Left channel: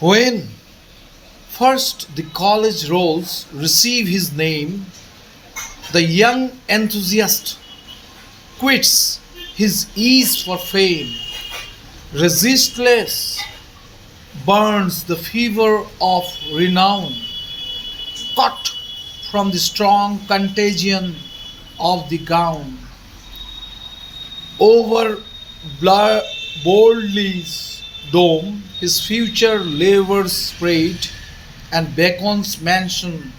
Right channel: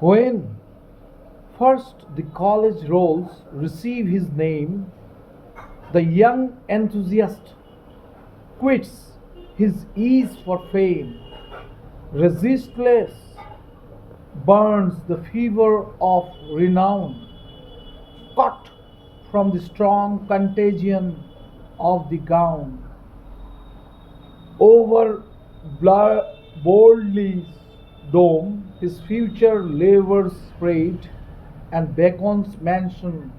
When first the college rolls receive his name, the young enthusiast quits his ease for fame, resistless burns the fever of renown, caught from the strong contagion of the gown. Over boldly's dome, his future labors spread, and Bacon's mansion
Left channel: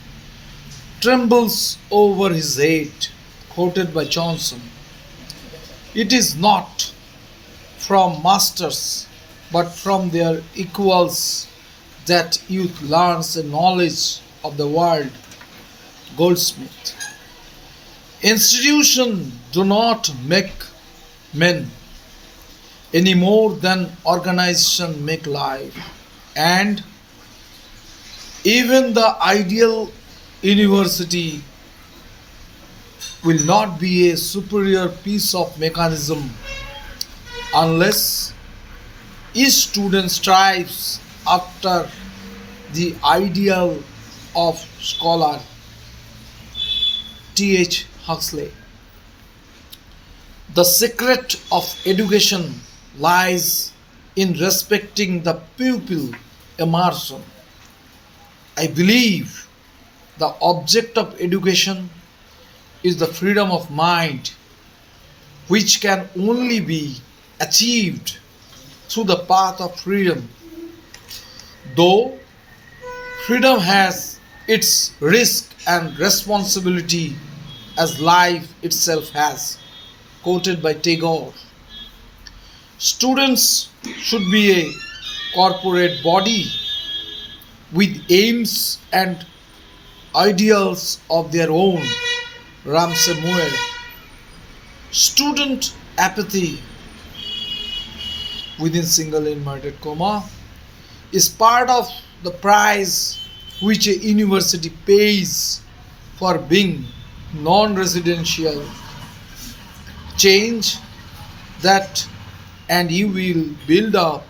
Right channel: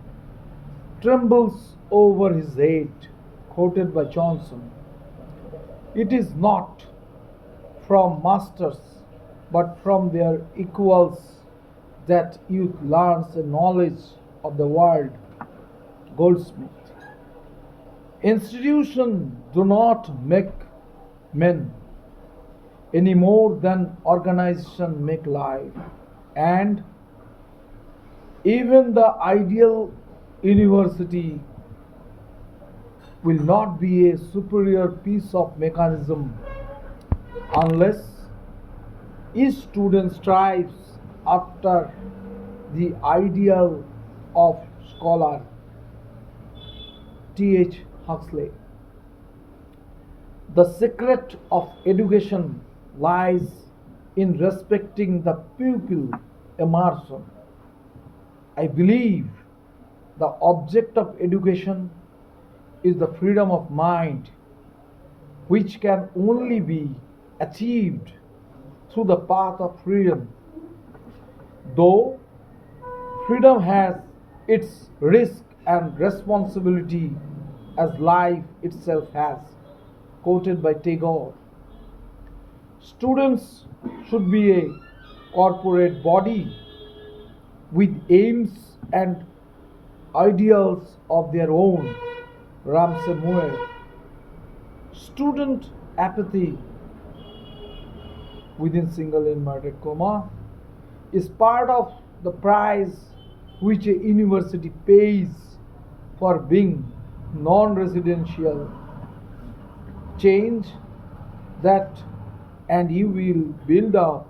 trembles over his head, quoted by Johnson. It is not from masters, but from their equals that youth learns a knowledge of the world. Goldsmith. Institutions do not make men any more than organization make life. And even the ideal university will not be a superior piece of mechanism unless each student strives after the ideal of scholar. T.H. Huxley. The secret of education lies in respecting the pupil immersion. I believe the object of education is the freedom of mind, which can only be achieved through the path of freedom. Though freedom has its risk and responsibility as life itself has. Quoted by Tagore. Students should be a corporate body with aims and ideals of their own. Ramsay Moore. Student apathy within single inverted comma is part of the price which a university pays for being non-residential. Change that and you will build up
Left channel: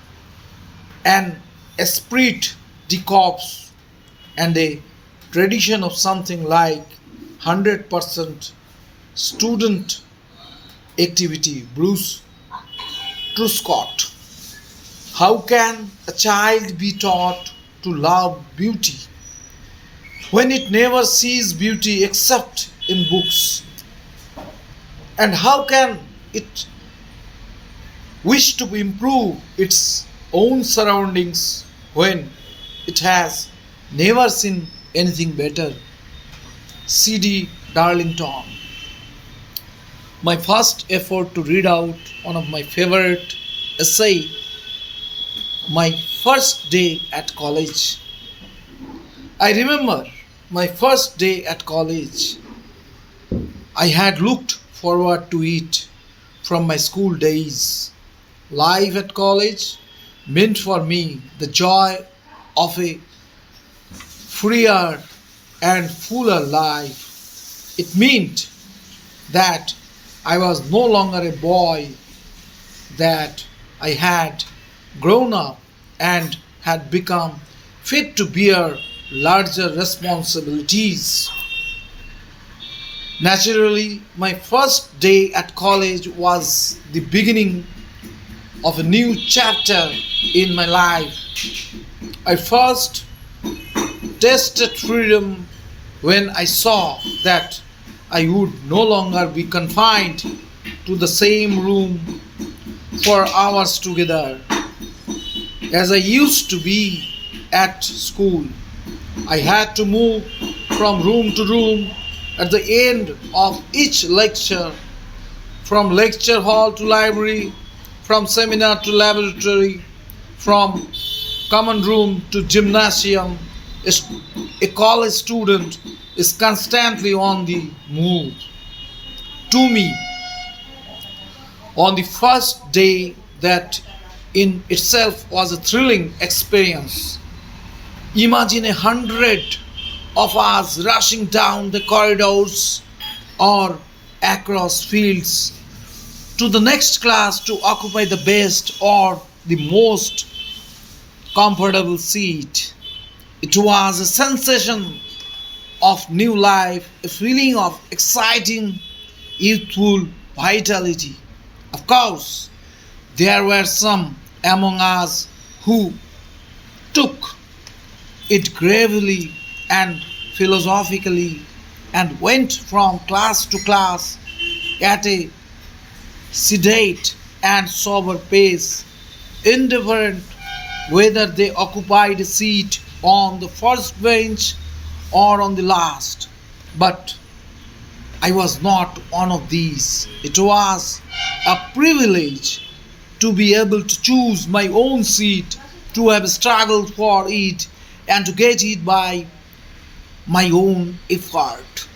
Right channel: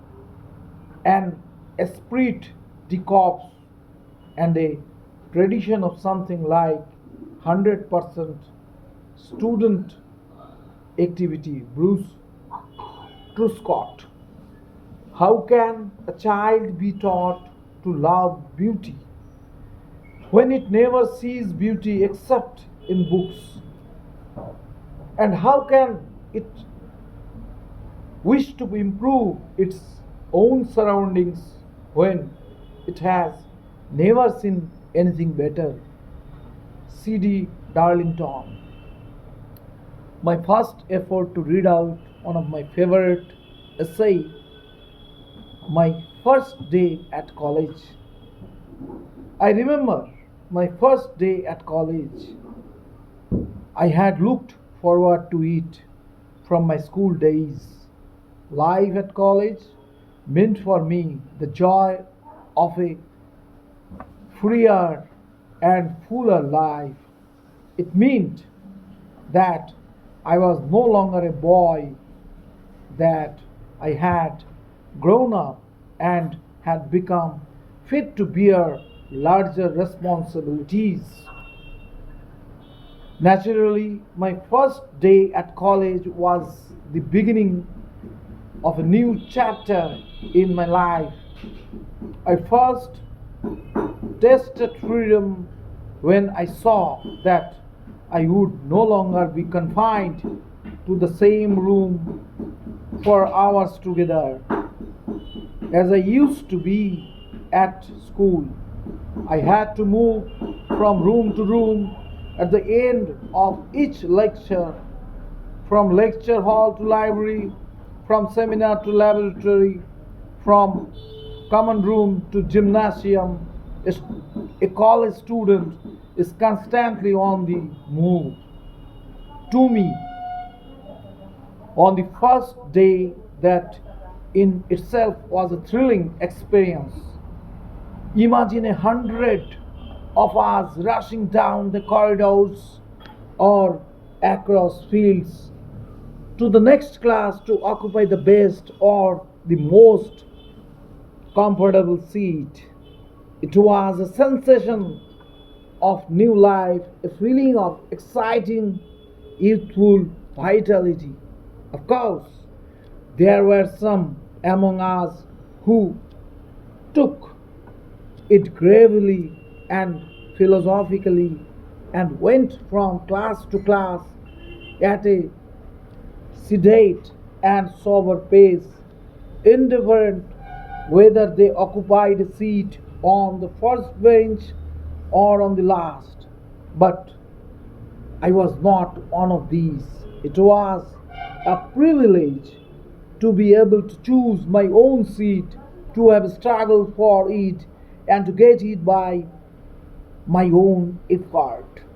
an esprit de corps and a tradition of something like 100% student activity. Bruce Truscott. How can a child be taught to love beauty when it never sees beauty except in books? And how can it wish to improve its own surroundings when it has never seen anything better? C.D. Darlington. My first effort to read out one of my favorite essay, my first day at college. I remember my first day at college. I had looked forward to it from my school days. Life at college meant for me the joy of a freer and fuller life. It meant that I was no longer a boy, that I had grown up and had become fit to bear larger responsibilities. Naturally, my first day at college was the beginning of a new chapter in my life. I first tasted freedom when I saw that I would no longer be confined to the same room for hours together as I used to be at school. I had to move from room to room at the end of each lecture, from lecture hall to library, from seminar to laboratory, from common room to gymnasium. A college student is constantly on the move. To me, on the first day, that in itself was a thrilling experience. Imagine 100 of us rushing down the corridors or across fields to the next class to occupy the best or the most comfortable seat. It was a sensation of new life, a feeling of exciting, youthful vitality. Of course, there were some among us who took it gravely and philosophically and went from class to class at a sedate and sober pace, indifferent whether they occupied a seat on the first bench or on the last. But I was not one of these. It was a privilege to be able to choose my own seat, to have struggled for it, and to get it by my own effort.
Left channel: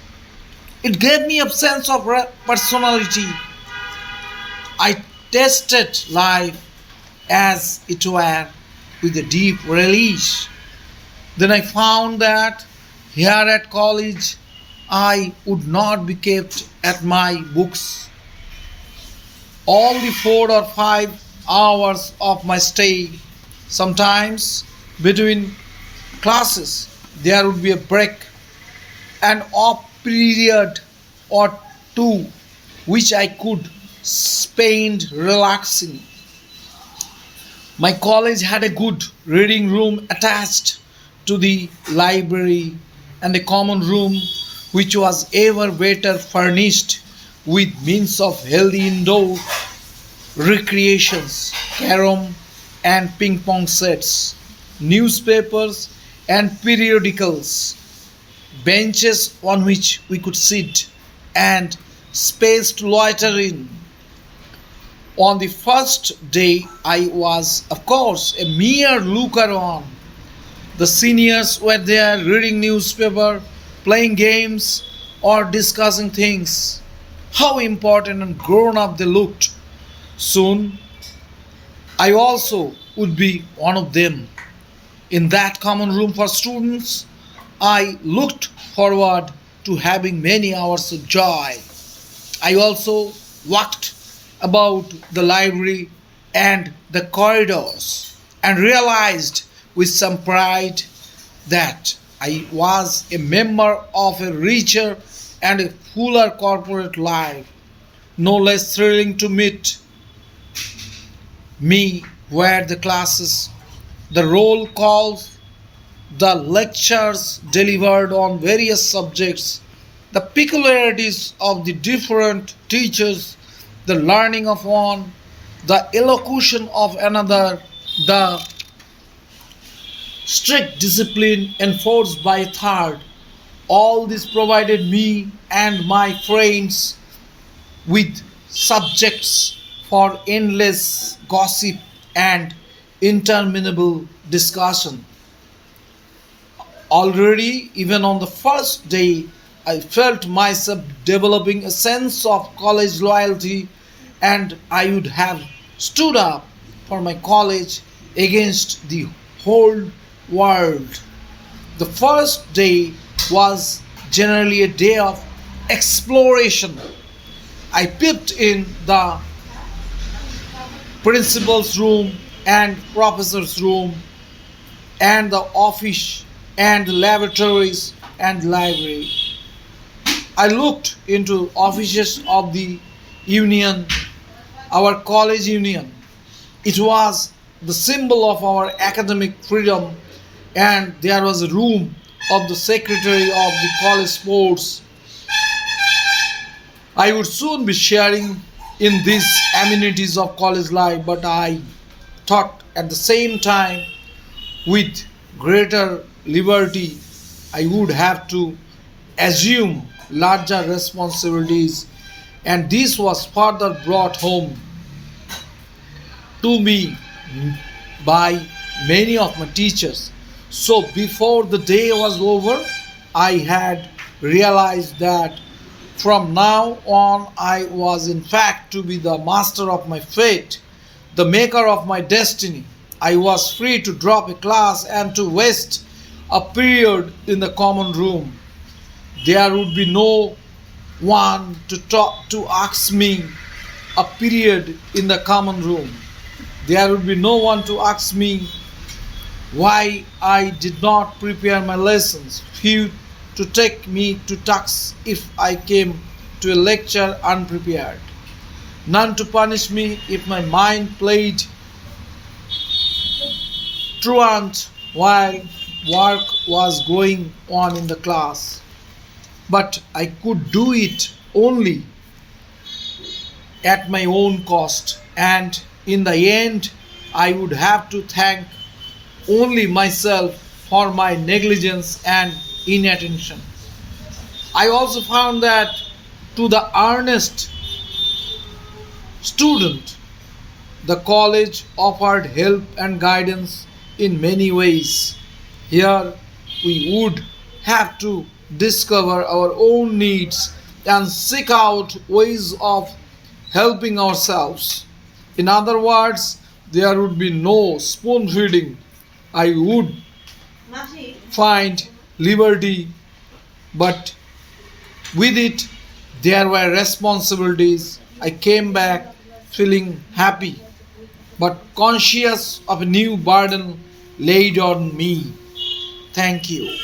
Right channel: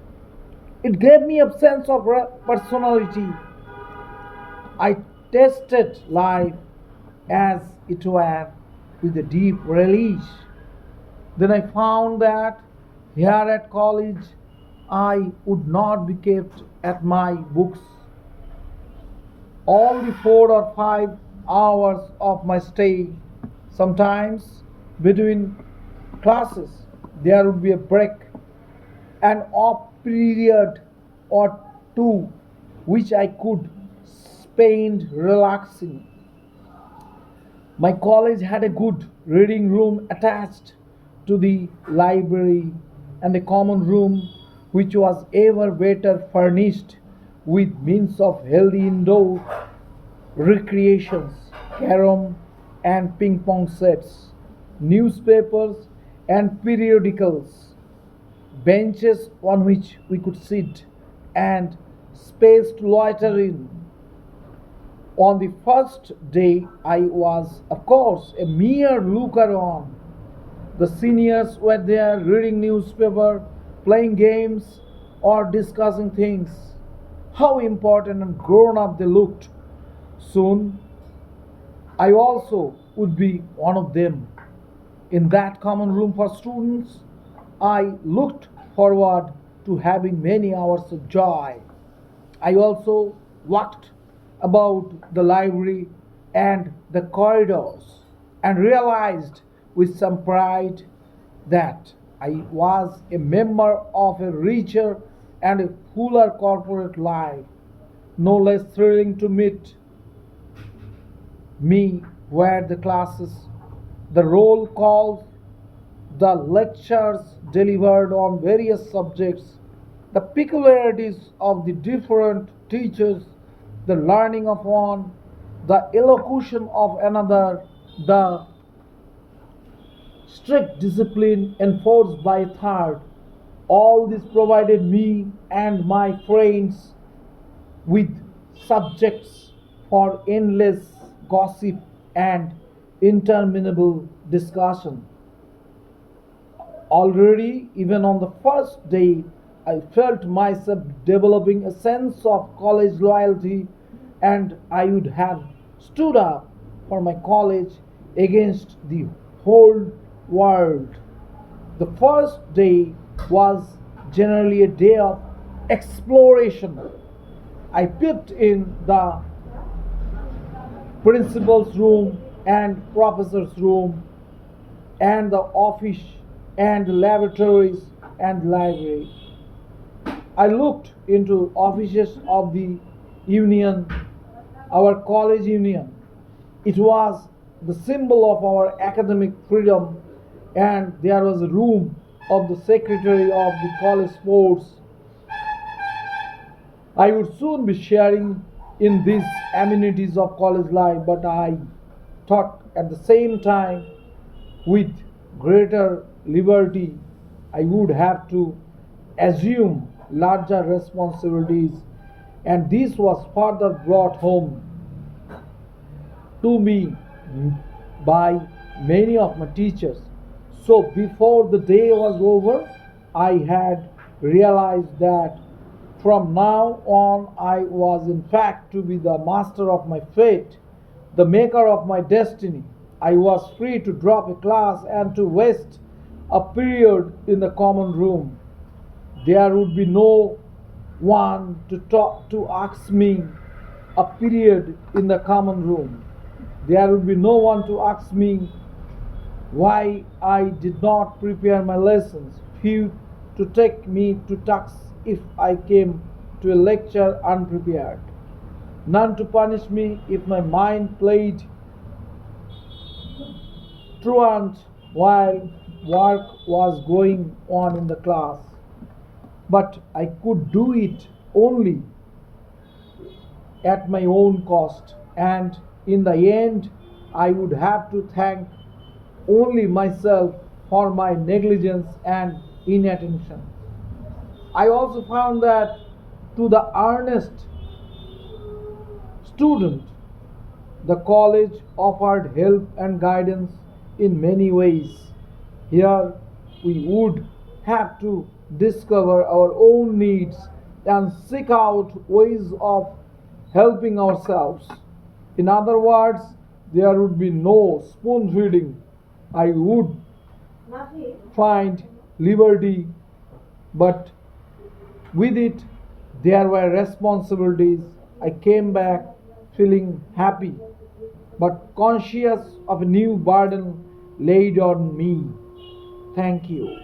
It gave me a sense of personality. I tasted life as it were with a deep relish. Then I found that here at college I would not be kept at my books. All the 4 or 5 hours of my stay, sometimes between classes, there would be a break, an off period or two, which I could spend relaxing. My college had a good reading room attached to the library and a common room which was ever better furnished with means of healthy indoor recreations, carom and ping pong sets, newspapers and periodicals, benches on which we could sit, and space to loiter in. On the first day, I was, of course, a mere looker on. The seniors were there reading newspaper, playing games, or discussing things. How important and grown up they looked. Soon, I also would be one of them. In that common room for students, I looked forward to having many hours of joy. I also walked about the library and the corridors and realized with some pride that I was a member of a richer and a fuller corporate life. No less thrilling to meet me were the classes, the roll calls, the lectures delivered on various subjects, the peculiarities of the different teachers, the learning of one, the elocution of another, the strict discipline enforced by a third. All this provided me and my friends with subjects for endless gossip and interminable discussion. Already, even on the first day, I felt myself developing a sense of college loyalty, and I would have stood up for my college against the whole world. The first day was generally a day of exploration. I peeped in the principal's room and professor's room and the office and the lavatories and library. I looked into offices of the union, our college union. It was the symbol of our academic freedom, and there was a room of the secretary of the college sports. I would soon be sharing in these amenities of college life, but I thought at the same time with greater liberty I would have to assume larger responsibilities, and this was further brought home to me by many of my teachers. So before the day was over, I had realized that from now on I was in fact to be the master of my fate, the maker of my destiny. I was free to drop a class and to waste a period in the common room. There would be no one to talk to ask me a period in the common room. There would be no one to ask me why I did not prepare my lessons, few to take me to task if I came to a lecture unprepared, none to punish me if my mind played truant while work was going on in the class. But I could do it only at my own cost, and in the end, I would have to thank only myself for my negligence and inattention. I also found that to the earnest student, the college offered help and guidance in many ways. Here, we would have to discover our own needs and seek out ways of helping ourselves. In other words, there would be no spoon feeding. I would find liberty, but with it, there were responsibilities. I came back feeling happy, but conscious of a new burden laid on me. Thank you.